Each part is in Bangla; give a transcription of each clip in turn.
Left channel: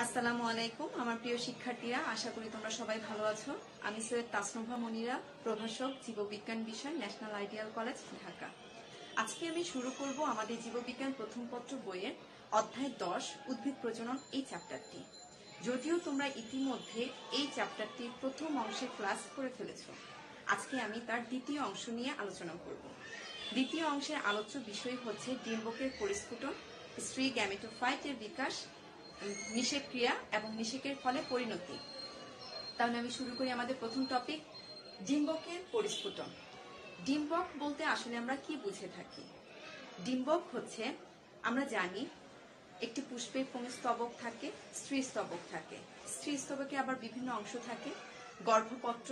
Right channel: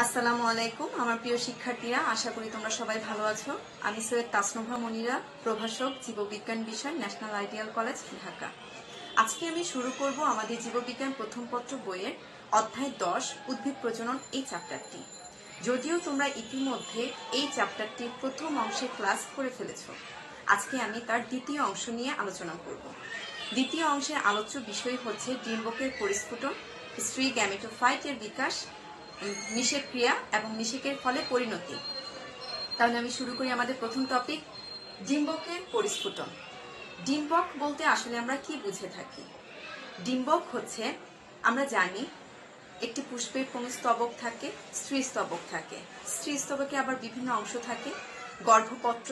আসসালামু আলাইকুম আমার প্রিয় শিক্ষার্থীরা, আশা করি তোমরা সবাই ভালো আছো। আমি সৈয়দ তাসনুভা মনিরা, প্রভাষক, জীববিজ্ঞান বিষয়, ন্যাশনাল আইডিয়াল কলেজ, ঢাকা। আজকে আমি শুরু করব আমাদের জীববিজ্ঞান প্রথম পত্র বইয়ের অধ্যায় 10 উদ্ভিদ প্রজনন এই চ্যাপ্টারটি। যদিও তোমরা ইতিমধ্যে এই চ্যাপ্টারটির প্রথম অংশে ক্লাস করে ফেলেছ, আজকে আমি তার দ্বিতীয় অংশ নিয়ে আলোচনা করব। দ্বিতীয় অংশের আলোচ্য বিষয় হচ্ছে ডিম্বকের পরিস্ফুটন, স্ত্রী গ্যামেটোফাইটের বিকাশ, নিষেক ক্রিয়া এবং নিষেকের ফলে পরিণতি। তাহলে আমি শুরু করি আমাদের প্রথম টপিক, ডিম্বকের পরিস্ফুটন। ডিম্বক বলতে আসলে আমরা কি বুঝে থাকি? ডিম্বক হচ্ছে, আমরা জানি একটি পুষ্পের পুংস্তবক থাকে, স্ত্রী স্তবক থাকে। স্ত্রী স্তবকে আবার বিভিন্ন অংশ থাকে। গর্ভপত্র,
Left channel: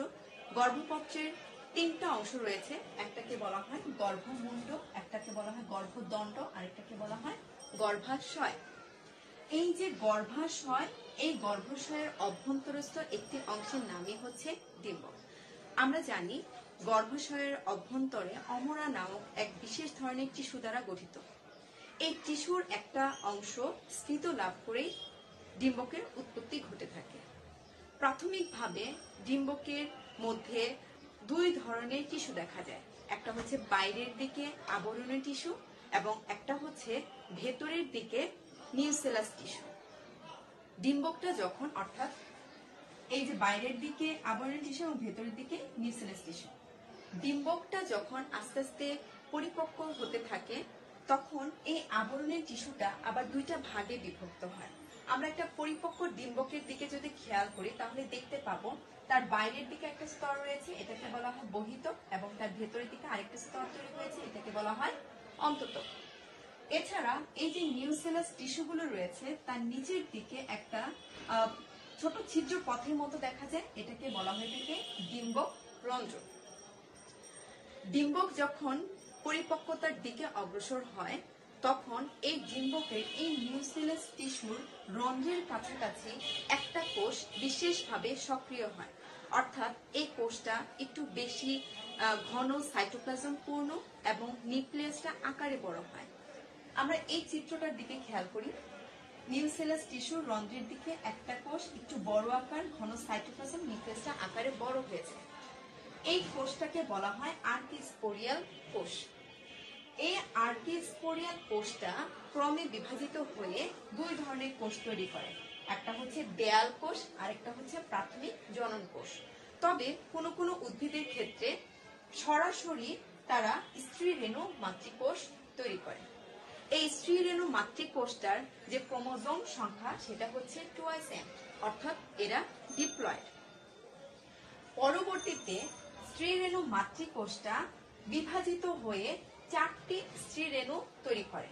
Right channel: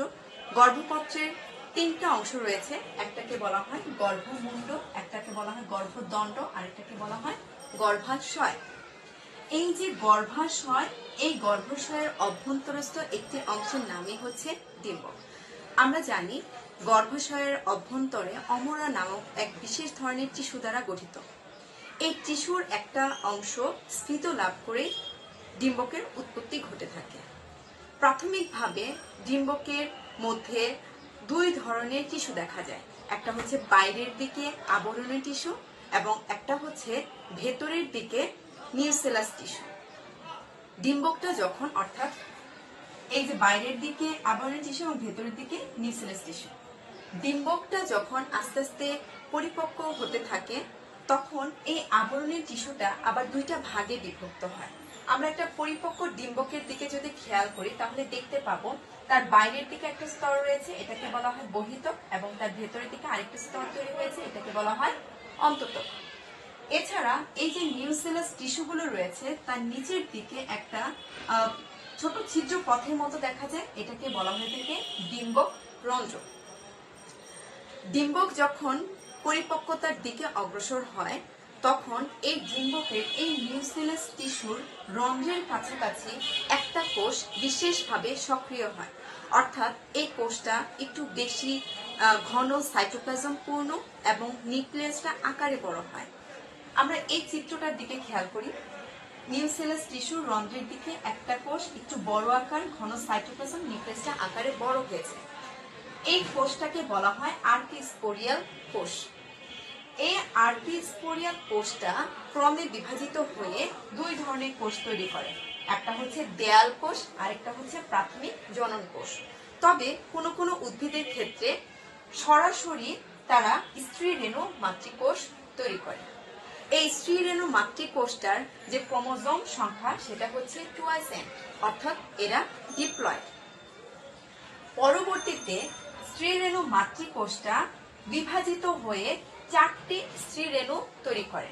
গর্ভপত্রের তিনটা অংশ রয়েছে। একটাকে বলা হয় গর্ভমুণ্ড, একটাকে বলা হয় গর্ভদণ্ড, আরেকটাকে বলা হয় গর্ভাশয়। এই যে গর্ভাশয়, এই গর্ভাশয়ের অভ্যন্তরস্থ একটি অংশের নামই হচ্ছে ডিম্বক। আমরা জানি গর্ভাশয়ের অভ্যন্তরে অমরা নামক এক বিশেষ ধরনের টিস্যু দ্বারা গঠিত। এই টিস্যুর একটা অংশ স্ফীত লাভ করে ডিম্বকের উৎপত্তি ঘটে থাকে। প্রাথমিকভাবে ডিম্বকের মধ্যে দুই ধরনের টিস্যু দেখা যায়। একটা হচ্ছে বাইরের দিকে আবরণী টিস্যু এবং একটা হচ্ছে ভেতরের দিকে নিউসেলাস টিস্যু। ডিম্বকটা যখন, অর্থাৎ এই যে বাইরের দিকে আবরণী টিস্যু এবং ভেতরের দিকে নিউসেলাস টিস্যু, ডিম্বকটা যখন আস্তে আস্তে পরিপক্ক হতে থাকে তখন এই আবরণী টিস্যুটা আবার দুইটা ভাগে বিভক্ত হয়। আমরা একটা পরিপক্ক ডিম্বকের দিকে যদি খেয়াল করি তাহলে দেখতে পাবো তার বাইরের দিকে একটা স্তর রয়েছে, এটাকে বলা হয় বহিতক, এবং তার ভেতরের দিকে আরেকটা স্তর তৈরি হয়েছে, এটাকে বলা হয় অন্ততক। এছাড়া এই যে নিউসেলাস টিস্যুগুলো রয়েছে তার নিচের দিকে একটা ছোট ছিদ্র পথের মতো দেখা যায়, এটাকে বলা হয়ে থাকে ডিম্বক রন্ধ্র। ডিম্বক যখন পরিপক্কতার দিকে অগ্রসর হয় তখন এই ডিম্বকের এই নিউসেলাস টিস্যুর রন্ধ্রের কাছাকাছি একটা কোষ বিশেষভাবে সক্রিয় হয়, অর্থাৎ এই কোষটা একটু বেশি ঘন সাইটোপ্লাজম পূর্ণ এবং নিউক্লিয়াসটা আকারে বড় হয়। আমরা এই চিত্রটার দিকে খেয়াল করি। নিউসেলাস টিস্যুর রন্ধ্রের দিকে একটা কোষ একটু বড় আকার, ঘন সাইটোপ্লাজম, নিউক্লিয়াসটা আকারে বড় হয়েছে। এই কোষটাকে বলা হয় আর্কিস্পোরিয়াল কোষ। এই আর্কিস্পোরিয়াল কোষটা ক্রমে বিভাজিত হয়ে দুই ধরনের কোষ তৈরি করে। একটা হচ্ছে দেয়াল কোষ, আরেকটা হচ্ছে প্রাথমিক জনন কোষ। তবে কোনো কোনো উদ্ভিদের ক্ষেত্রে সরাসরি তারা স্ত্রী রেণু মাতৃকোষ তৈরি করে। এই স্ত্রী রেণু মাতৃকোষটার যে ক্রোমোজোম সংখ্যা সেটা হচ্ছে 2n, অর্থাৎ এরা ডিপ্লয়েড। পরবর্তীতে স্ত্রী রেণু মাতৃকোষটা বিভাজিত হয়ে 4টি স্ত্রী রেণু তৈরি করে।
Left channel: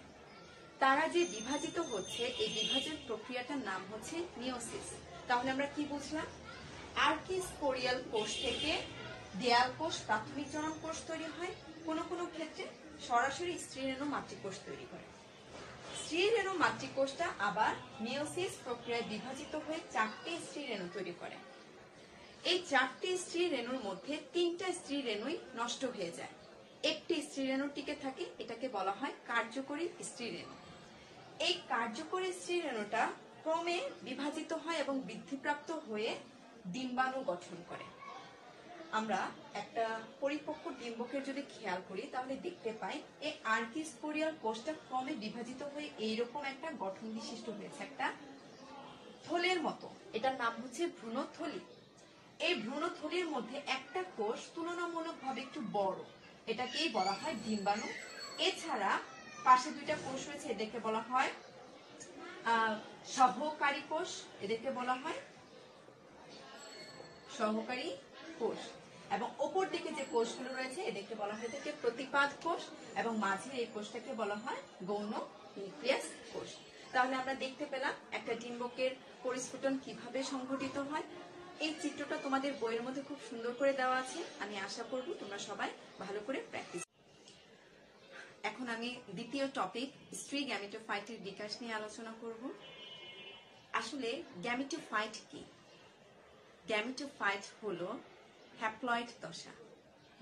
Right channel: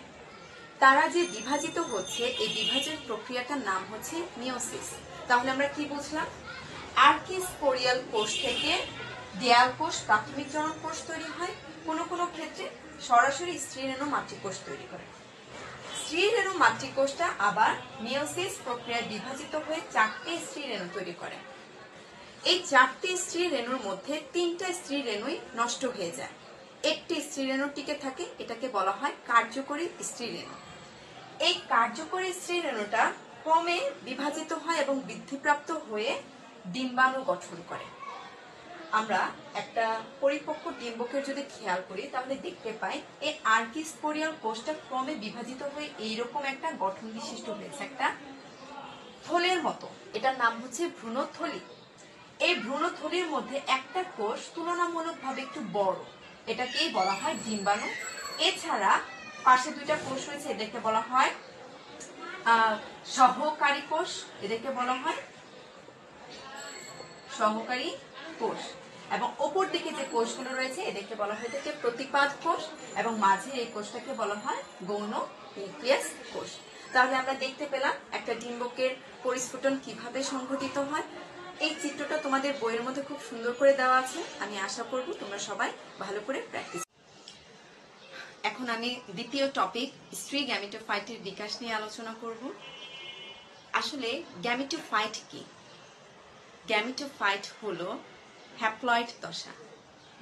তারা যে বিভাজিত হচ্ছে, এই বিভাজন প্রক্রিয়াটার নাম হচ্ছে মিওসিস। তাহলে আমরা কি বুঝলাম? আর্কিস্পোরিয়াল কোষ থেকে দেয়াল কোষ, প্রাথমিক জনন কোষ তৈরি হয়। কোনো কোনো ক্ষেত্রে সরাসরি স্ত্রী রেণু মাতৃকোষ তৈরি করে। স্ত্রী রেণু মাতৃকোষটা আবার মিওসিস প্রক্রিয়ায় বিভাজিত হয়ে 4টি স্ত্রী রেণু তৈরি করে। এই 4টি স্ত্রী রেণুর মধ্যে 3টা স্ত্রী রেণুই নষ্ট হয়ে যায়, একটি স্ত্রী রেণু টিকে থাকে, এটাকে বলা হয় কার্যকরী স্ত্রী রেণু। এই কার্যকরী স্ত্রী রেণুটা ক্রমে বিভাজিত হয় এবং বৃদ্ধিপ্রাপ্ত হয়ে ডিম্বাণু গঠন করে। আমরা একটা পরিপক্ক ডিম্বকের যদি খেয়াল করি তাহলে দেখতে পাই এই আর্কিস্পোরিয়াল কোষটা ক্রমে বিভাজিত হয়ে এইরকম একটা গঠন বিশিষ্ট হয়েছে, একটা থলের মতো। এটার নাম হচ্ছে ভ্রূণথলি। এই ভ্রূণথলির মধ্যে একটা কোষ তুলনামূলকভাবে একটু বড়, এটাকেই বলা হয় ডিম্বাণু। এছাড়া পাশে দুইটা কোষ রয়েছে, এদেরকে বলা হয় সহকারী কোষ, এদেরকে বলা হয় সহকারী কোষ। এবং ওপর দিকে যে কোষগুলো রয়েছে এদেরকে বলা হয় থাকে প্রতিপাদ কোষ, এবং মাঝে এই কোষটাকে বলা হয় গৌণ নিউক্লিয়াস কোষ। তাহলে আমরা দেখতে পেলাম একটা ডিম্বকের পরিস্ফুটন কিভাবে সংঘটিত হয়। এই চিত্রটা তোমাদের বইয়ের মধ্যে খুব সুন্দর করে দেওয়া আছে, আমি আশা করব তোমরা সবাই ভালো করে প্র্যাকটিস। এখন আমি দ্বিতীয় টপিক, স্ত্রী গ্যামেটোফাইটের বিকাশ নিয়ে আলোচনা করব। আসলে গ্যামেটোফাইট কি? গ্যামেটোফাইট হলো হ্যাপ্লয়েড দশা।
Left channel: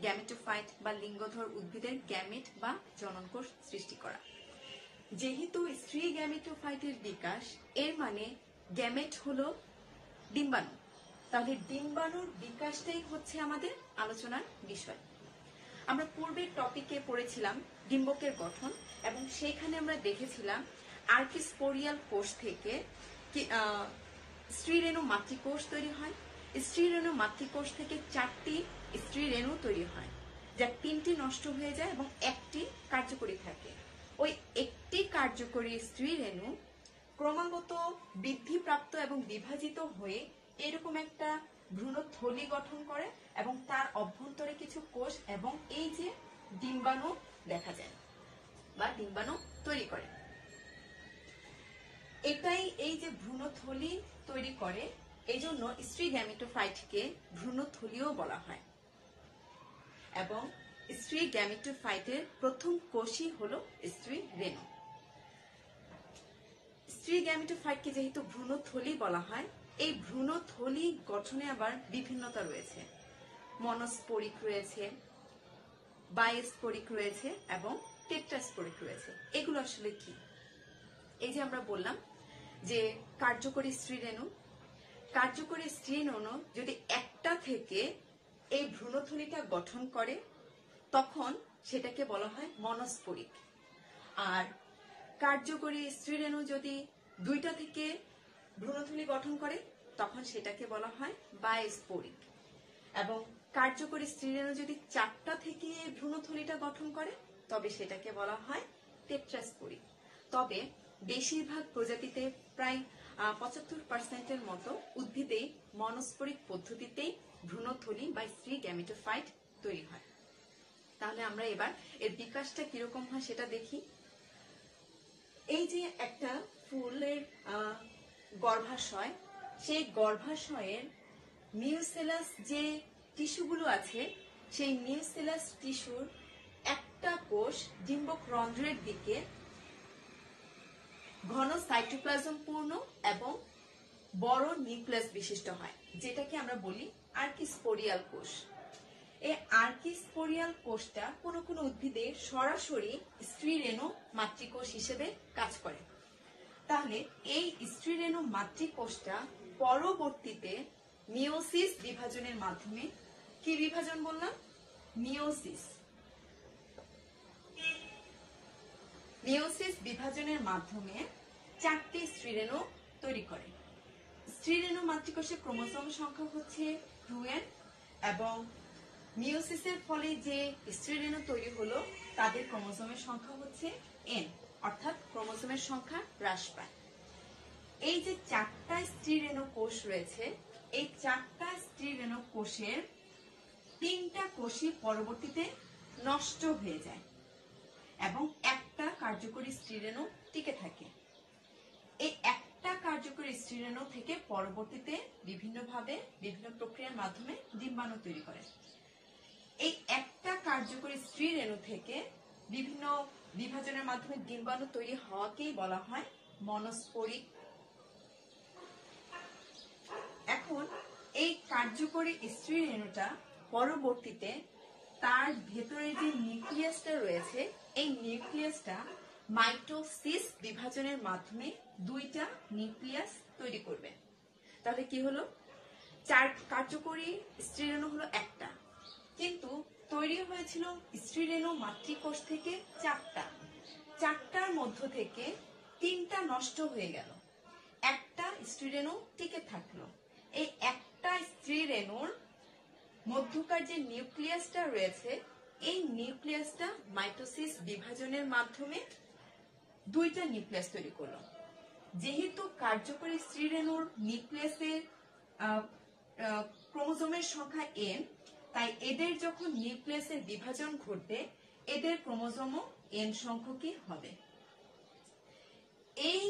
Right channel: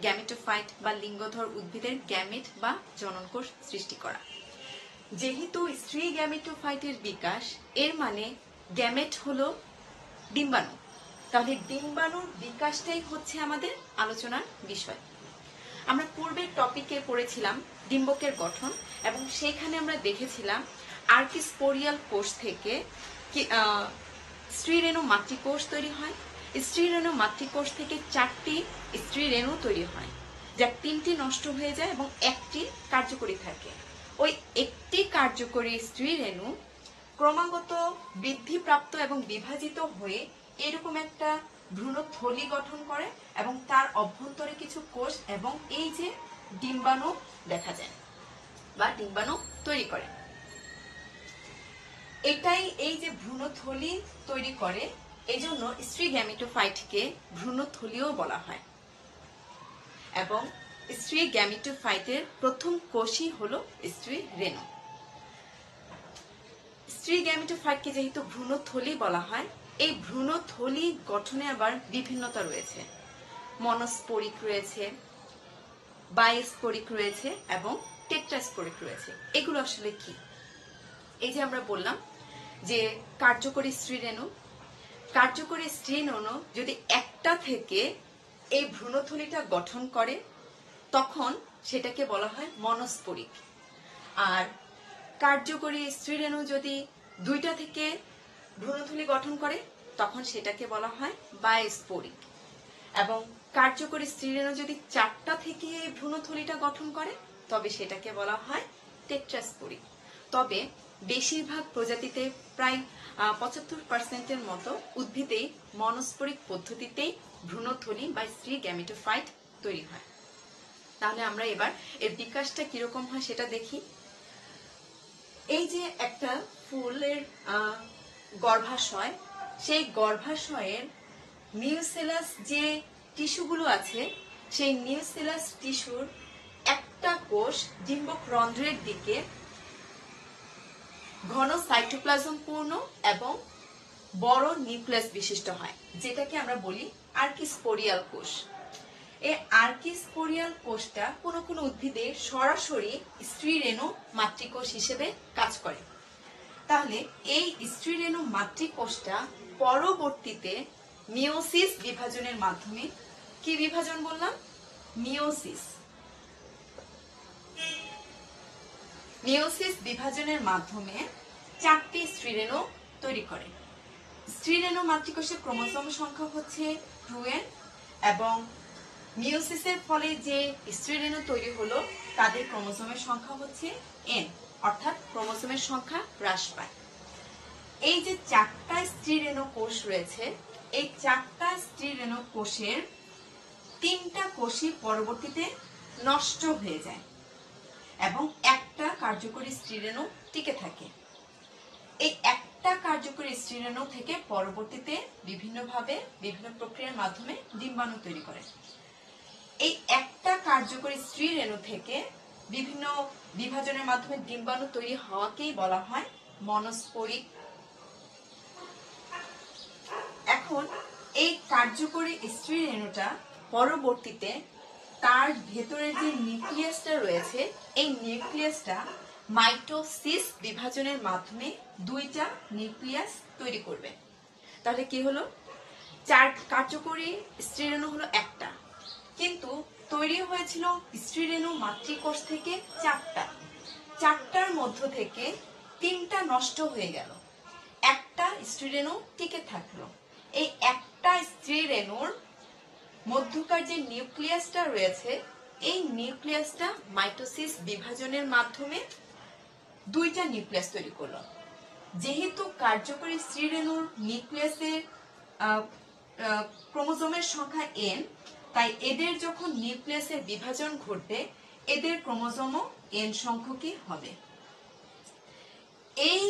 গ্যামেটোফাইট বা লিঙ্গধর উদ্ভিদের গ্যামেট বা জননকোষ সৃষ্টি করা। যেহেতু স্ত্রী গ্যামেটোফাইটের বিকাশ, এর মানে গ্যামেট হলো ডিম্বাণু। তাহলে ডিম্বাণুর বিকাশটাই হচ্ছে আমাদের আলোচনার বিষয়। আমরা পূর্বের টপিকে পড়েছিলাম ডিম্বকের গঠন, এবং সেখানে আমরা দেখেছিলাম আর্কিস্পোরিয়াল কোষ থেকে স্ত্রীরেণু মাতৃকোষ তৈরি হয়। স্ত্রীরেণু মাতৃকোষ থেকে 4টি স্ত্রীরেণু তৈরি হয়, যার 3টি নষ্ট হয়ে যায় এবং একটি কার্যকরী থাকে। ওই একটি কার্যকরী স্ত্রীরেণু ক্রমাগত বৃদ্ধিপ্রাপ্ত এবং বিভাজিত হয়ে এরকম একটা ভ্রূণথলি গঠন করে, এবং তার অভ্যন্তরে কিছু কোষ এবং এই যে ডিম্বাণু দেখা যায় বা ডিম্বাণু তৈরি করে। এটাই এই যে ভ্রূণথলি তৈরি করে, এই জন্য স্ত্রী গ্যামেটোফাইটকে ভ্রূণথলিও বলা হয়। এবং স্ত্রী গ্যামেটোফাইটের প্রথম কোষই হলো স্ত্রী রেণু। স্ত্রী গ্যামেটোফাইটকে যেহেতু ভ্রূণথলি বলা হয়, এই ভ্রূণথলি গঠনে আবার বিভিন্নতা রয়েছে। মনোস্পোরিক রয়েছে, বায়োস্পোরিক রয়েছে এবং টেট্রাস্পোরিক রয়েছে। এগুলো আসলে কি? এই যে আমরা বললাম যে কার্যকরী স্ত্রীরেণু, কার্যকরী স্ত্রীরেণু যদি একটা থেকে এই ভ্রূণথলিটা গঠন করে তখন সেটাকে বলা হয় মনোস্পোরিক। আর কার্যকরী স্ত্রীরেণু যদি 2টা থেকে ভ্রূণথলি গঠন করে তখন সেটাকে বলা হয় বায়োস্পোরিক। এবং কার্যকরী স্ত্রীরেণু যদি 4টা থেকে ভ্রূণথলিটা গঠন করে তবে সেটাকে বলা হয় টেট্রাস্পোরিক। তবে বেশিরভাগ প্রজাতিতে প্রায় 75%-এর মতো উদ্ভিদেই মনোস্পোরিক পদ্ধতিতেই ভ্রূণথলি বা স্ত্রী গ্যামেটোফাইট তৈরি হয়। তাহলে আমরা এবার এর বিকাশটা কিরকম হয় সেটা দেখি। এই যে একটা ফুলের গর্ভাশয়, সেই গর্ভাশয়ের নিউসেলাস যে টিস্যুগুলো আছে, সেই নিউসেলাস টিস্যুর একটা কোষ ডিম্বক রন্ধ্রের দিকে ঘন সাইটোপ্লাজম পূর্ণ এবং বড় নিউক্লিয়াস বিশিষ্ট হয়, যেটাকে আমরা বলি আর্কিস্পোরিয়াল কোষ। এই আর্কিস্পোরিয়াল কোষটা কোনো কোনো উদ্ভিদে সরাসরি স্ত্রীরেণু মাতৃকোষ হিসেবে কাজ করে। তাহলে এই স্ত্রীরেণু মাতৃকোষটা পরবর্তীতে মিওসিস বিভাজনের মাধ্যমে, কি বিভাজন বললাম? মিওসিস। মিওসিস বিভাজনের মাধ্যমে 4টি স্ত্রীরেণু তৈরি করে। স্ত্রীরেণু মাতৃকোষের ক্রোমোসোম সংখ্যা হচ্ছে 2n, এবং মিওসিসের ফলে যে স্ত্রীরেণু তৈরি হলো তাদের ক্রোমোসোমের সংখ্যা হচ্ছে n, অর্থাৎ ক্রোমোসোমের সংখ্যা হ্রাস পায়। এই যে 4টা স্ত্রীরেণু কোষ রয়েছে, এই 4টা স্ত্রীরেণু কোষের 3টা কোষই পরবর্তীতে নষ্ট হয়ে যায় এবং একটা কার্যকরী স্ত্রীরেণু টিকে থাকে। এই একটা কার্যকরী স্ত্রীরেণু থেকে পরবর্তীতে বিভিন্নভাবে বিভিন্ন প্রক্রিয়ার মাধ্যমে ডিম্বাণু তৈরি করে। এই একটা কার্যকরী স্ত্রীরেণু থেকে বিভিন্ন বিভাজনের মাধ্যমে ডিম্বাণু তৈরি হওয়াকেই বলা হয় মনোস্পোরিক। এখন এই কার্যকরী স্ত্রীরেণুটা পরবর্তীতে তার ভেতরের যে নিউক্লিয়াসটা রয়েছে, এই নিউক্লিয়াসটা মাইটোসিস বিভাজনের মাধ্যমে 2টা নিউক্লিয়াস তৈরি করবে। তাহলে কি হলো? 4 কার্যকরী স্ত্রীরেণু হলো একটা, কিন্তু তৈরি হয়েছিল স্ত্রীরেণু মাতৃকোষ থেকে 4টার মধ্য থেকে 3টা নষ্ট হয়ে গেল, একটা স্ত্রীরেণু টিকে থাকলো। এই একটা স্ত্রীরেণুর মধ্যকার যে নিউক্লিয়াসটা রয়েছে, এই নিউক্লিয়াসটা মাইটোসিস বিভাজনের মাধ্যমে 2টা নিউক্লিয়াস তৈরি করলো। যেহেতু কার্যকরী স্ত্রীরেণুর নিউক্লিয়াসের ক্রোমোসোমের সংখ্যা n, তাই এদের যখন নিউক্লিয়াসের বিভাজন ঘটবে এদের ক্রোমোসোমও n সংখ্যকই হবে। এই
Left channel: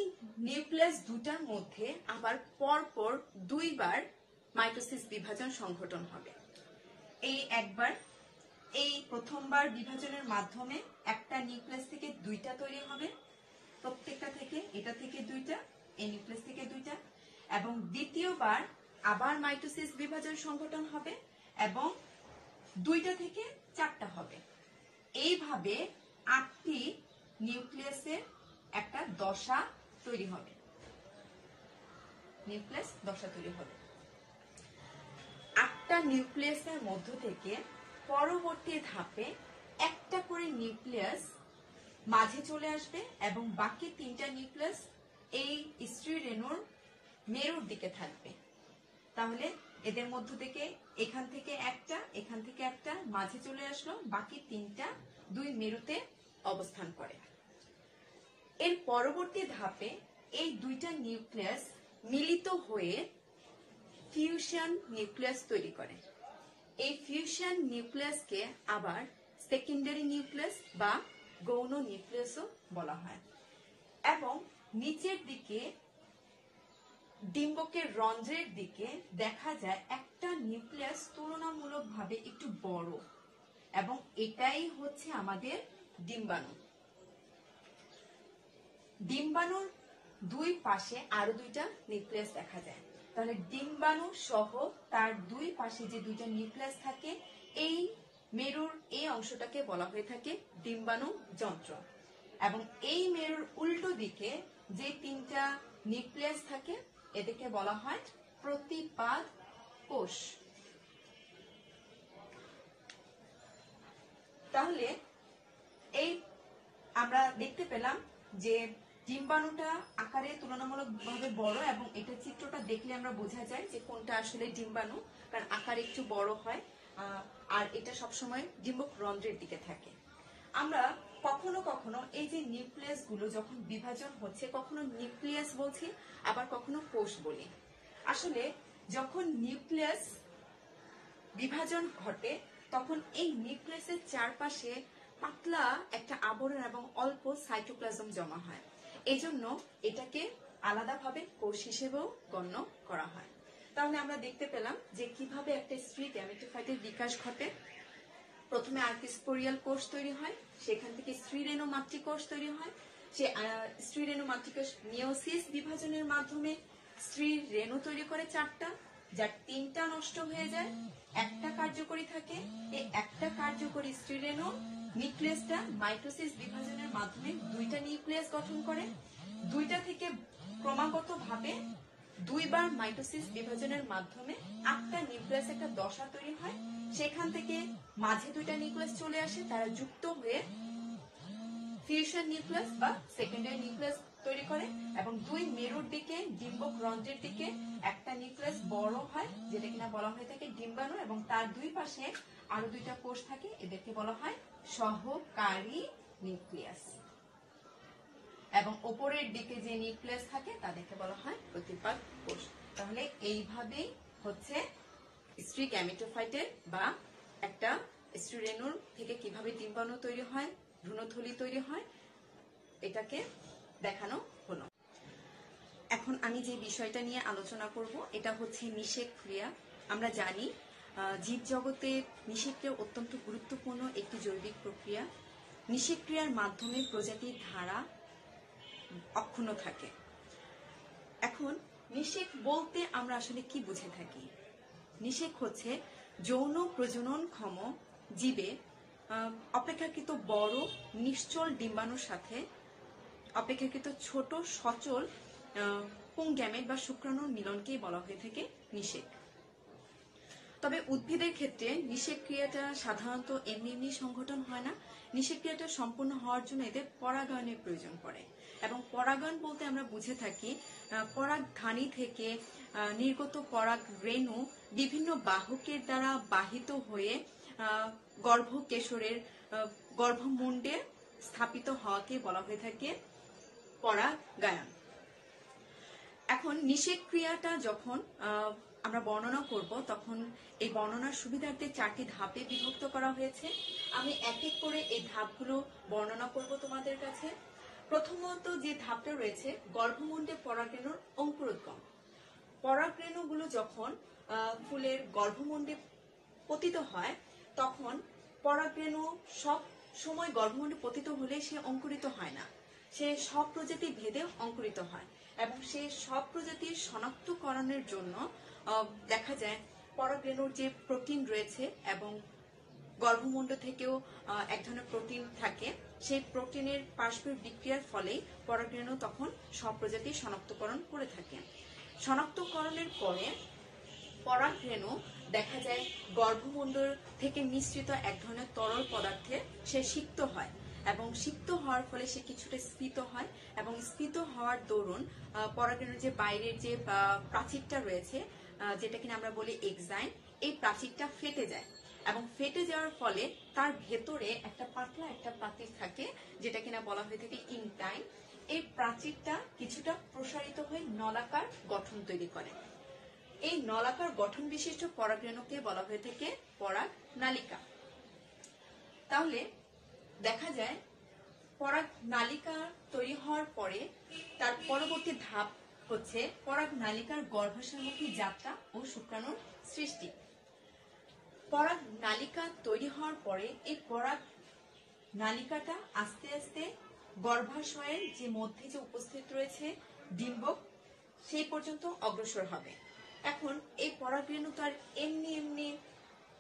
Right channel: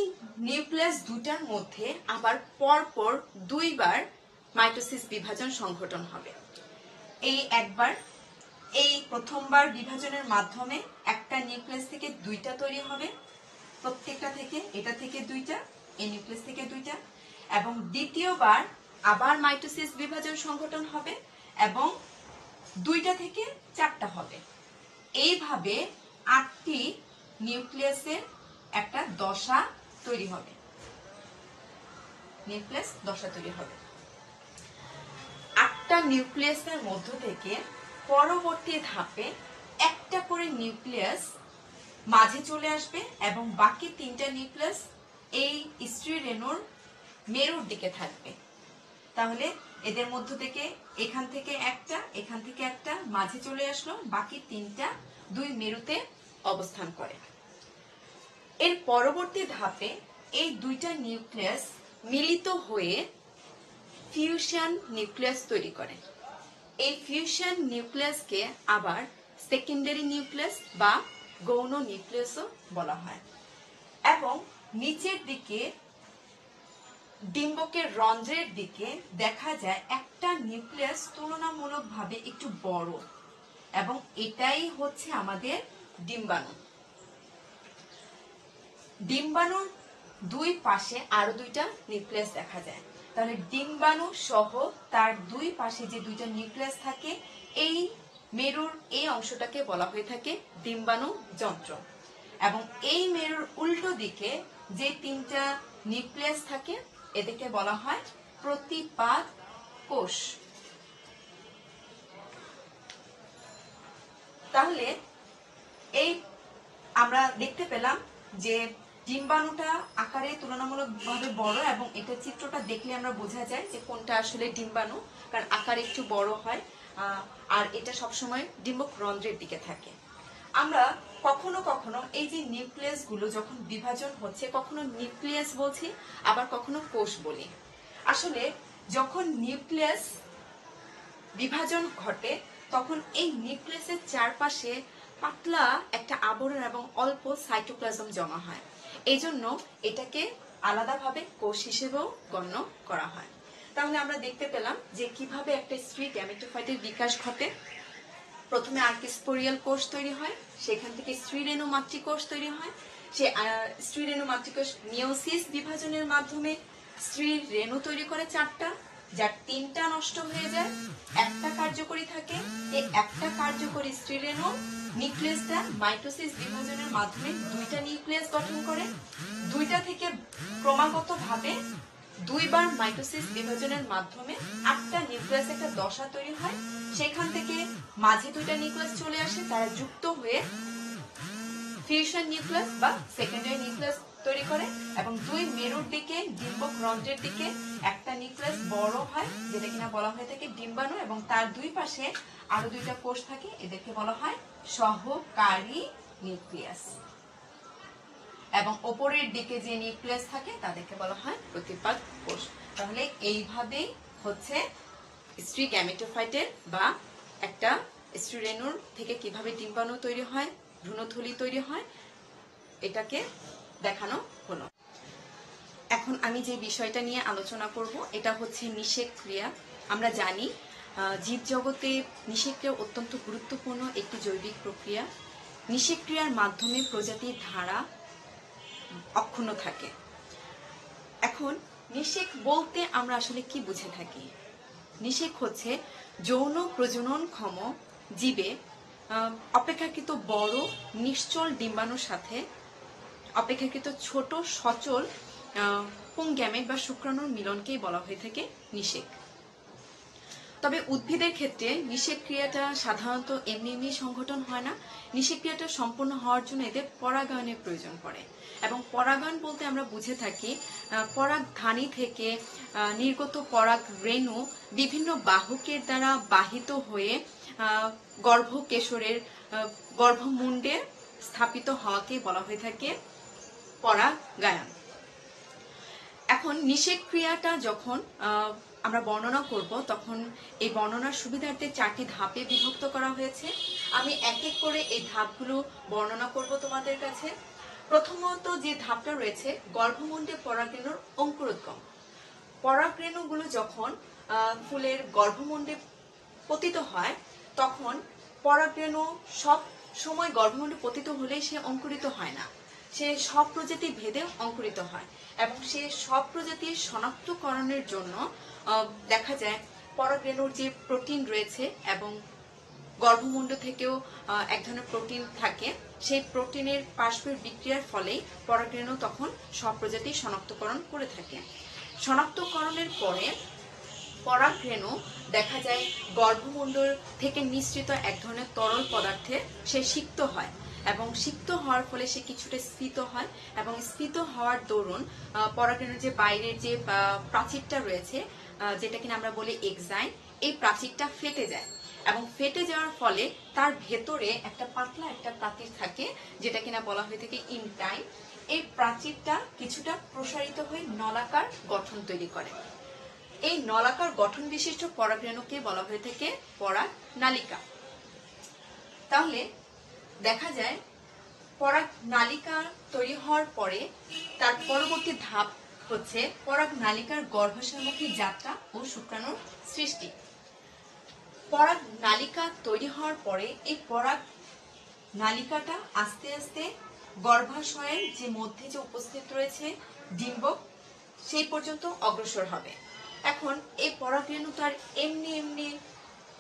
নিউক্লিয়াস দুটার মধ্যে আবার পরপর 2বার মাইটোসিস বিভাজন সংঘটন হবে। এই প্রথমবার বিভাজনের মাধ্যমে একটা নিউক্লিয়াস থেকে 2টা তৈরি হবে, প্রত্যেকটা থেকে, এটা থেকে 2টা, এই নিউক্লিয়াস থেকে 2টা, এবং দ্বিতীয়বার আবার মাইটোসিস বিভাজন সংঘটন হবে এবং 2টা থেকে 4টা হবে। এইভাবে 8টি নিউক্লিয়াসের একটা দশা তৈরি হবে। নিউক্লিয়াস দশা তৈরি হবে। 8টা নিউক্লিয়াসের মধ্য থেকে পরবর্তী ধাপে একটা করে নিউক্লিয়াস মাঝে চলে আসবে এবং বাকি 3টা নিউক্লিয়াস এই স্ত্রী রেণুর মেরুর দিকে থাকবে। তাহলে এদের মধ্য থেকে এখান থেকে একটা মাঝে চলে আসলো, বাকি 3টা 2 মেরুতে অবস্থান করে। এর পরবর্তী ধাপে এই 2টা নিউক্লিয়াস মিলিত হয়ে ফিউশন নিউক্লিয়াস তৈরি করে। এই ফিউশন নিউক্লিয়াসকে আবার সেকেন্ডারি নিউক্লিয়াস বা গৌণ নিউক্লিয়াসও বলা হয়। এবং নিচের দিকে ডিম্বকের রন্ধ্রের দিকে দেখা যায় একটা নিউক্লিয়াস তুলনামূলকভাবে একটু বড়, এবং এটাই হচ্ছে আমাদের ডিম্বাণু। ডিম্বাণুর 2 পাশে আরো 2টা নিউক্লিয়াস দেখা যায়। তাহলে ডিম্বাণু সহ তার 2 পাশে যে 2টা নিউক্লিয়াস থাকে, এই মেরুর এই অংশটাকে বলা হয়ে থাকে ডিম্বাণু যন্ত্র। এবং এই মেরুর উল্টো দিকে যে 3টা নিউক্লিয়াস থাকে এদেরকে বলা হয় প্রতিপাদ কোষ। তাহলে এই আমরা দেখতে পেলাম যে ডিম্বাণুটা আকারে তুলনামূলকভাবে বড়, এবং এটা চিত্রটা দেখলে আমরা বোঝা যায় যে কোনটা আসলে ডিম্বাণু, কারণ আকারে একটু বড় হয় আর এটা সবসময় ডিম্বক রন্ধ্রের দিকে থাকে। আমরা কখনো কখনো এই যে নিউক্লিয়াস গুলো যখন বিভাজন হচ্ছে, কখনো নিউক্লিয়াস বলছি আবার কখনো কোষ বলি। আসলে যখন নিউক্লিয়াস বিভাজন ঘটে তখন এই নিউক্লিয়াসের চারপাশে পাতলা একটা আবরণ এবং অল্প সাইটোপ্লাজম জমা হয়। এই জন্য এটাকে আলাদাভাবে কোষ হিসেবেও গণ্য করা হয়। তাহলে আমরা দেখতে পেলাম যে কিভাবে একটা স্ত্রী গ্যামেটোফাইটের বিকাশ ঘটে। প্রথমে আর্কিস্পোরিয়াল কোষ তৈরি হয়, সেখান থেকে স্ত্রী রেণু মাতৃকোষ তৈরি হয়। সে স্ত্রী রেণু মাতৃকোষ মিওসিস বিভাজনের মাধ্যমে স্ত্রীর রেণু তৈরি করে 4টা, যার 3টা নষ্ট হয়ে যায়, একটা কার্যকরী থাকে। এই একটা কার্যকরী স্ত্রী রেণু নিউক্লিয়াসটা মাইটোসিস বিভাজনের মাধ্যমে 2টা নিউক্লিয়াস গঠন করে। 2টা থেকে ক্রমাগতভাবে 2 বার মাইটোসিস বিভাজনের মাধ্যমে 8টা নিউক্লিয়াস একটা দশা তৈরি হয়। সেখান থেকে মাঝে 2টা নিউক্লিয়াস চলে আসে, তারা যুক্ত হয়ে ফিউশন নিউক্লিয়াস বা সেকেন্ডারি নিউক্লিয়াস তৈরি করে। এবং 2 মেরুর দিকে ডিম্বক রন্ধ্রের দিকে একটা নিউক্লিয়াস বড় হয়, যেটা কিনা বলা হয়ে থাকে ডিম্বাণু, এবং তার 2 পাশে আরো 2টা কোষ থাকে, এদেরকে বলা হয় সহকারী নিউক্লিয়াস। এবং উপরের দিকে যে নিউক্লিয়াস থাকে তাদেরকে বলা হয় প্রতিপাদ কোষ। তাহলে এইভাবেই হচ্ছে স্ত্রী গ্যামেটোফাইটের বা একটা স্ত্রী রেণুর থেকে কিভাবে ডিম্বাণু তৈরি হয়, ভ্রূণথলি তৈরি হয়, এটাকে দেখানো হলো। এখন আমি যে বিষয়টা নিয়ে আলোচনা করব এটা হচ্ছে নিষেক ক্রিয়া। আমরা জানি জীব জগতে নিষেক ক্রিয়া অত্যন্ত গুরুত্বপূর্ণ একটি জৈবিক প্রক্রিয়া। নিষেক ক্রিয়ার মাধ্যমে প্রজাতির ধারা অক্ষুণ্ণ থাকে। এখন নিষেক বলতে আমরা আসলে কি বুঝে থাকি? নিষেক হচ্ছে যৌন প্রজননক্ষম জীবে অপেক্ষাকৃত বড় নিশ্চল ডিম্বাণুর সাথে অপেক্ষাকৃত ছোট সচল পুংগ্যামেট বা শুক্রাণুর মিলনকেই বলা হয়ে থাকে নিষেক। তবে উদ্ভিদের ক্ষেত্রে নিষেক ক্রিয়াটা সাধারণত এমনি সংঘটন হয় না। নিষেক ক্রিয়াটা সম্পূর্ণ হওয়ার জন্য এদের পরাগায়নের প্রয়োজন পড়ে, এবং পরাগায়ন বলতে আমরা বুঝে থাকি পরাগধানী থেকে নির্গত পরাগ রেণু বিভিন্ন বাহকের দ্বারা বাহিত হয়ে গর্ভকেশরের গর্ভমুণ্ডে স্থাপিত হওয়াকে বলা হয়ে থাকে পরাগায়ন। এখন নিষেক ক্রিয়াটা যখন আমরা বর্ণনা করব তখন এই বর্ণনার সুবিধার্থে 4টি ধাপে বিভক্ত করা হয়েছে। আমি এক এক করে এই ধাপগুলো বর্ণনা করব তোমাদের কাছে। প্রথমত যে ধাপটা রয়েছে গর্ভমুণ্ডে পরাগরেণুর অঙ্কুরোদ্গম। পরাগরেণুগুলো যখন ফুলের গর্ভমুণ্ডে পতিত হয় তখন পরাগরেণু সব সময় গর্ভমুণ্ডে পতিত হলে সে অঙ্কুরিত হয় না, সে সব প্রজাতি ভেদে অঙ্কুরিত হয়। এবং সে সব প্রজাতির শনাক্তকরণের জন্য দেখা যায় পরাগরেণুর যে প্রোটিন রয়েছে এবং গর্ভমুণ্ড থেকেও এক ধরনের প্রোটিন থাকে, সেই প্রোটিনের পারস্পরিক বিক্রিয়ার ফলে পরাগরেণু তখন সব প্রজাতি শনাক্তকরণ করে থাকে। শনাক্তকরণের পরে পরাগরেণু দেখা যায় গর্ভমণ্ডল থেকে নিঃসৃত এক ধরনের তরল পদার্থে সে সিক্ত হয় এবং সিক্ত হওয়ার ফলে সে কিছুটা স্ফীত হয় এবং স্ফীত হওয়ার দরুন পরাগরেণুর যে বাইরের যে প্রাচীরটা রয়েছে যেটা কিনা আমরা বলি এক্সাইন, এই প্রাচীরটা ফেটে যায় এবং ফেটে যাওয়ার ফলে তার ভেতরে একটা পাতলা একটা প্রাচীর থাকে যেটা কিনা বলা হয়ে থাকে ইনটাইন। এই প্রাচীরটা কিছুটা প্রসারিত হয়ে নলাকার গঠন তৈরি করে। এই নলাকার গঠন বিশিষ্ট পরাগরেণুকে বলা হয়ে থাকে পরাগ নালিকা। তাহলে দেখা যায় পরাগ নালিকা তৈরি হওয়ার পরে তার পরবর্তী ধাপ হচ্ছে পরাগ নালিকার গর্ভাশয়মুখী যাত্রা ও শুক্রাণুর সৃষ্টি। পরাগ নালিকা তৈরি হওয়ার পরে এই পরাগ নালিকাটা আস্তে আস্তে গর্ভাশয়ের যে মধ্যে যে উপস্থিত রয়েছে ডিম্বক সেই পর্যন্ত অগ্রসর হবে। এখন এই পরাগরেণু তো আর এমনি এমনি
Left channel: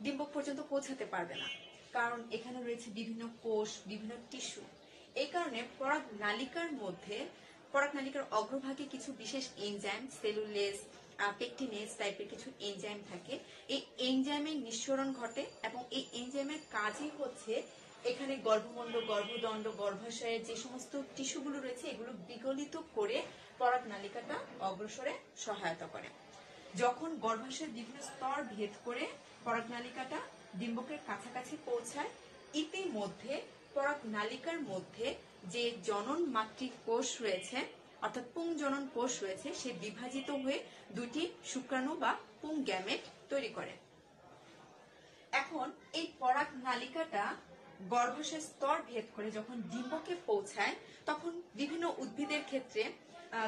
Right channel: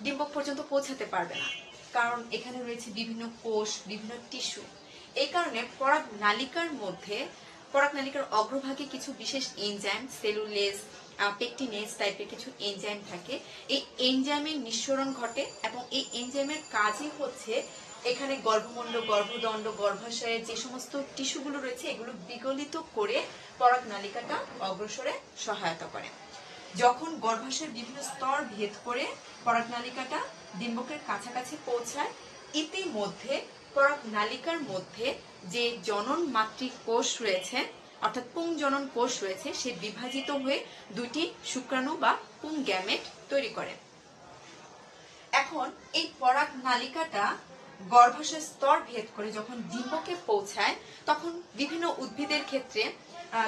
ডিম্বক পর্যন্ত পৌঁছাতে পারবে না, কারণ এখানে রয়েছে বিভিন্ন কোষ, বিভিন্ন টিস্যু। এই কারণে পরাগ নালিকার মধ্যে পরাগ নালিকার অগ্রভাগে কিছু বিশেষ এনজাইম, সেলুলেজ, পেকটিনেজ টাইপের কিছু এনজাইম থাকে। এই এনজাইমের নিঃসরণ ঘটে এবং এই এনজাইমের কাজই হচ্ছে এখানে গর্ভমণ্ডল, গর্ভদণ্ড, গর্ভাশয়ের যে সমস্ত টিস্যুগুলো রয়েছে এগুলো বিগলিত করে পরাগ নালিকাটা অগ্রসরে সহায়তা করে। যখন গর্ভাশয়ের বিভিন্ন স্তর ভেদ করে পরাগ নালিকাটা ডিম্বকের কাছাকাছি পৌঁছায়, ইতিমধ্যে পরাগ নালিকার মধ্যে যে জনন মাতৃ কোষ রয়েছে অর্থাৎ পুংজনন কোষ রয়েছে সে বিভাজিত হয়ে দুটি শুক্রাণু বা পুং গ্যামেট তৈরি করে। এখন এই পরাগ নালিকাটা গর্ভাশয় স্তর ভেদ করে যখন ডিম্বকে পৌঁছায় তখন বিভিন্ন উদ্ভিদের ক্ষেত্রে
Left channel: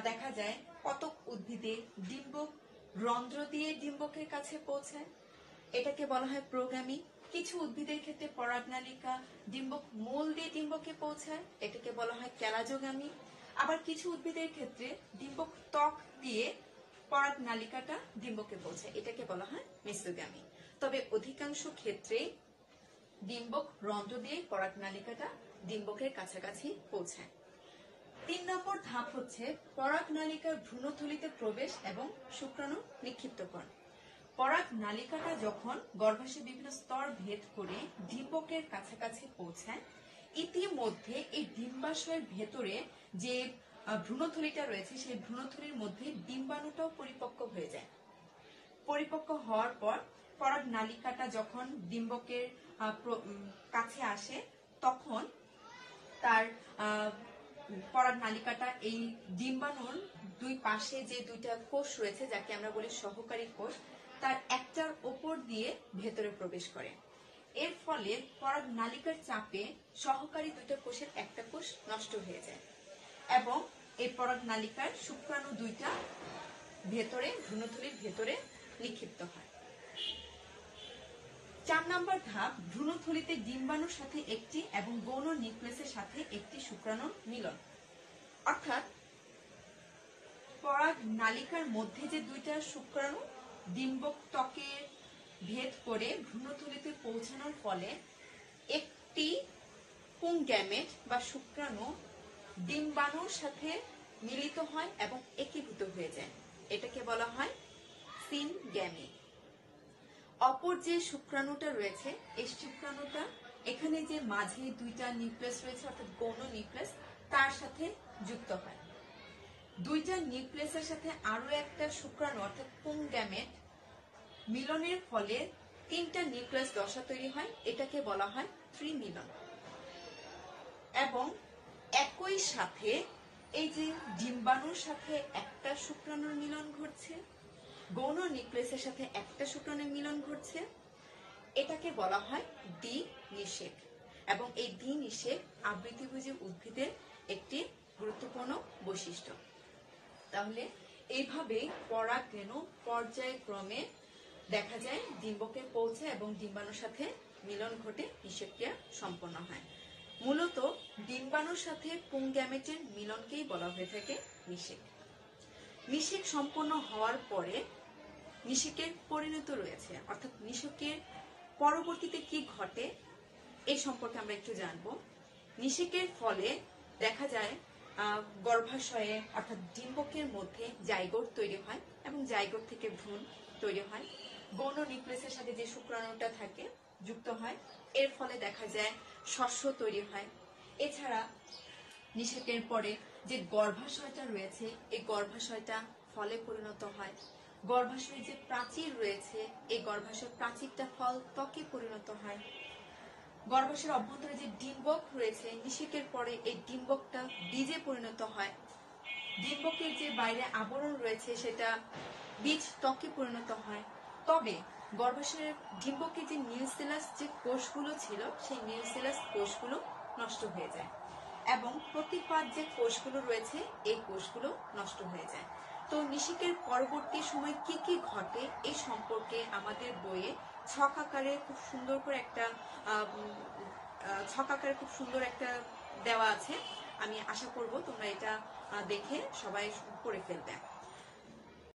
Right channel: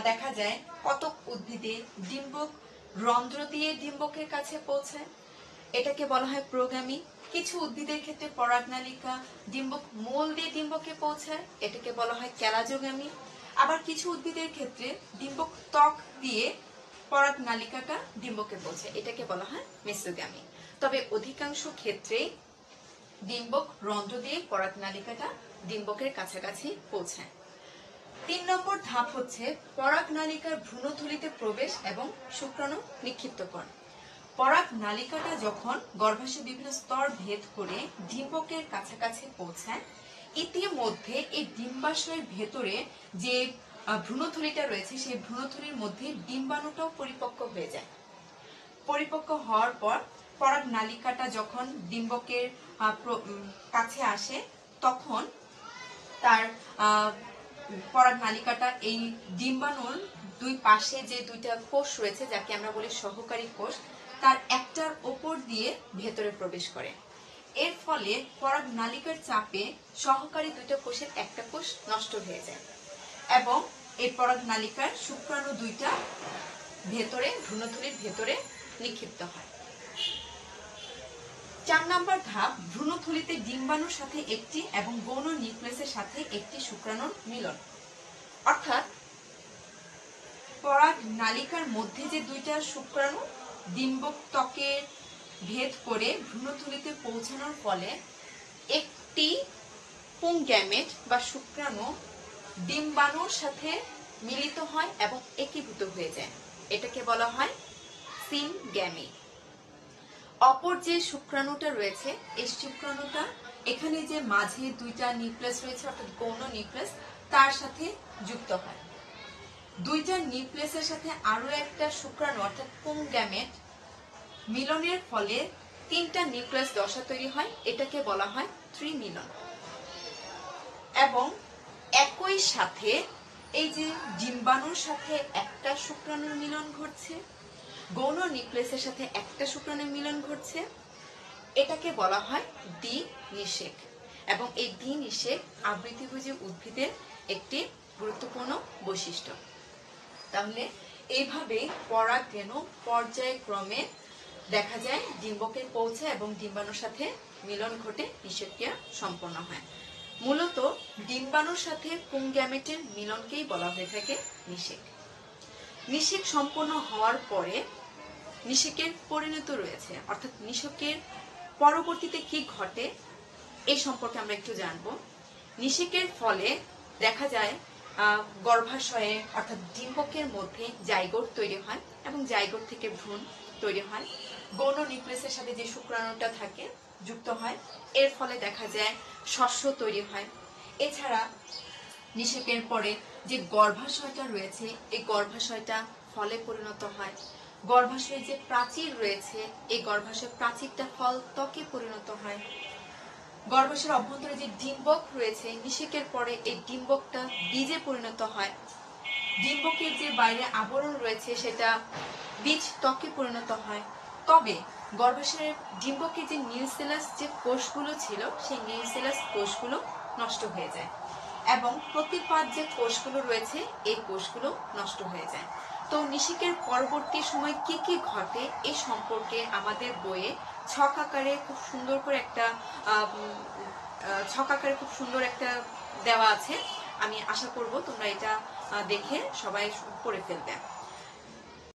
দেখা যায় কতক উদ্ভিদে ডিম্বক রন্ধ্র দিয়ে ডিম্বকের কাছে পৌঁছায়, এটাকে বলা হয় প্রোগামী। কিছু উদ্ভিদের ক্ষেত্রে পরাগ নালিকা ডিম্বক মূল দিয়ে ডিম্বকে পৌঁছায়, এটাকে বলা হয় ক্যালাজোগামী। আবার কিছু উদ্ভিদের ক্ষেত্রে ডিম্বক ত্বক দিয়ে পরাগ নালিকাটা ডিম্বকে পৌঁছায়, এটাকে বলা হয় মেসোগামী। তবে অধিকাংশ ক্ষেত্রেই ডিম্বক রন্ধ্র দিয়ে পরাগ নালিকাটা ডিম্বকের কাছাকাছি পৌঁছায়। 3 নম্বর ধাপ হচ্ছে পরাগ নালিকার ভ্রূণথলিতে প্রবেশ এবং শুক্রাণু নিক্ষিপ্তকরণ। পরাগ নালিকাটা যখন গর্ভাশয়ের বিভিন্ন স্তর ভেদ করে ডিম্বকের কাছাকাছি পৌঁছায়, ইতিমধ্যে এই ডিম্বাশয়ের ভেতরে যে ভ্রূণথলিটা রয়েছে সেই ভ্রূণথলির মধ্যে ডিম্বাণুটাও পরিপক্ক হয়ে যায়। পরিপক্ক হওয়ার পর পরাগ নালিকাটা যখন ডিম্বকের কাছে আসে তখন তার পরাগ নালিকাটা এই ডিম্বাণুর দুই পাশে যে দুইটা কোষ রয়েছে যাকে আমরা বলি সহকারী কোষ, তার একটার ওপর দিয়ে ভেতরে প্রবেশ করে। এর ফলে পরাগ নালিকার চাপে সহকারী দুইটা কোষের একটা কোষ নষ্ট হয়ে যায় এবং এই পরাগ নালিকার শুক্রাণু দুইটা ভেতরে ভ্রূণথলির ভেতরে নিক্ষিপ্ত হয়। 4 নম্বর ধাপ ভ্রূণথলিতে ডিম্বাণুর সাথে একটি এবং গৌণ নিউক্লিয়াসের সাথে একটি শুক্রাণুর মিলন। অর্থাৎ পরাগ নালিকার মধ্যে যে দুইটা শুক্রাণু ডিম্বক ত্বকের ভেদ করে ভ্রূণথলিতে পৌঁছানোর ফলে একটি পুং গ্যামেট বা শুক্রাণু ডিম্বাণুর সাথে মিলিত হয় এবং একীভূত হয়ে যায়, এটাকে বলা হয় সিনগ্যামি। অপর যে শুক্রাণুটা রয়েছে এই শুক্রাণুটা এখানে যে মাঝে দুইটা নিউক্লিয়াস রয়েছে অর্থাৎ গৌণ নিউক্লিয়াস তার সাথে যুক্ত হয়। দুইটা নিউক্লিয়াসের সাথে আরো একটা শুক্রাণু অর্থাৎ পুং গ্যামেট মিলনের ফলে 3টা নিউক্লিয়াস দশা তৈরি হয়, এটাকে বলা হয় ত্রিমিলন। এবং একই সাথে এই যে ডিম্বাণুর সাথে একটা শুক্রাণুর মিলন ঘটছে, গৌণ নিউক্লিয়াসের সাথে একটা শুক্রাণুর মিলন ঘটছে, এটাকে বলা হয় দ্বিনিষেক। এবং এই দ্বিনিষেক আবৃতিভোজী উদ্ভিদের একটি গুরুত্বপূর্ণ বৈশিষ্ট্য। তাহলে এইভাবে পরাগরেণু পর্যায়ক্রমে দেখা যায় ডিম্বকে পৌঁছায় এবং ডিম্বাণুর সাথে মিলন ঘটে নিষেকক্রিয়া সম্পন্ন হয়। মূলত ডিম্বাণুর সাথে পুং গ্যামেটের মিলনকেই বলা হয়ে থাকে নিষেক। নিষেক সম্পন্ন হওয়ার পরে নিষেকের পরিণত রয়েছে, অর্থাৎ নিষেকের পরবর্তীতে কি ঘটে এই সম্পর্কে আমরা একটু জানবো। নিষেকের ফলে দেখা যায় গর্ভাশয়ে অর্থাৎ ডিম্বকের মধ্যে জাইগোট তৈরি হয় এবং জাইগোট থেকে ভ্রূণ তৈরি হয়। গৌণ নিউক্লিয়াসের সাথে যে শুক্রাণুটা থাকে যুক্ত হয়, এর ফলে দেখা যায় শস্য তৈরি হয়। এছাড়া নিষেকের পরে যে গর্ভাশয়টা রয়েছে, এই গর্ভাশয়টা ফলে পরিণত হয়। গর্ভাশয়ে যে প্রাচীর রয়েছে, এই গর্ভাশয় প্রাচীরটা ফল ত্বকে পরিণত হয়। গর্ভাশয়ের অভ্যন্তরে যে ডিম্বক রয়েছে, নিষেকের পরে এই ডিম্বকটা বীজে পরিণত হয়। ডিম্বকের যে বাইরে আবরণ রয়েছে সেটা বীজ ত্বকে পরিণত হয়। তবে গর্ভাশয়ের ডিম্বকের যে নিউসেলাস যে কোষগুলো ছিল, সেই নিউসেলাস কোষগুলো নষ্ট হয়ে যায় এবং প্রতিপাদ যে কোষগুলো রয়েছে, এই কোষগুলো নষ্ট হয়ে যায়। তো নিষেকের পরবর্তী সময় কি কি ঘটে এই সম্পর্কে আমাদের বইয়ে ছক আকারে খুব সুন্দর একটা দেওয়া আছে। আমি আশা করব তোমরা এটা দেখে সবাই পড়ে ফেলবে।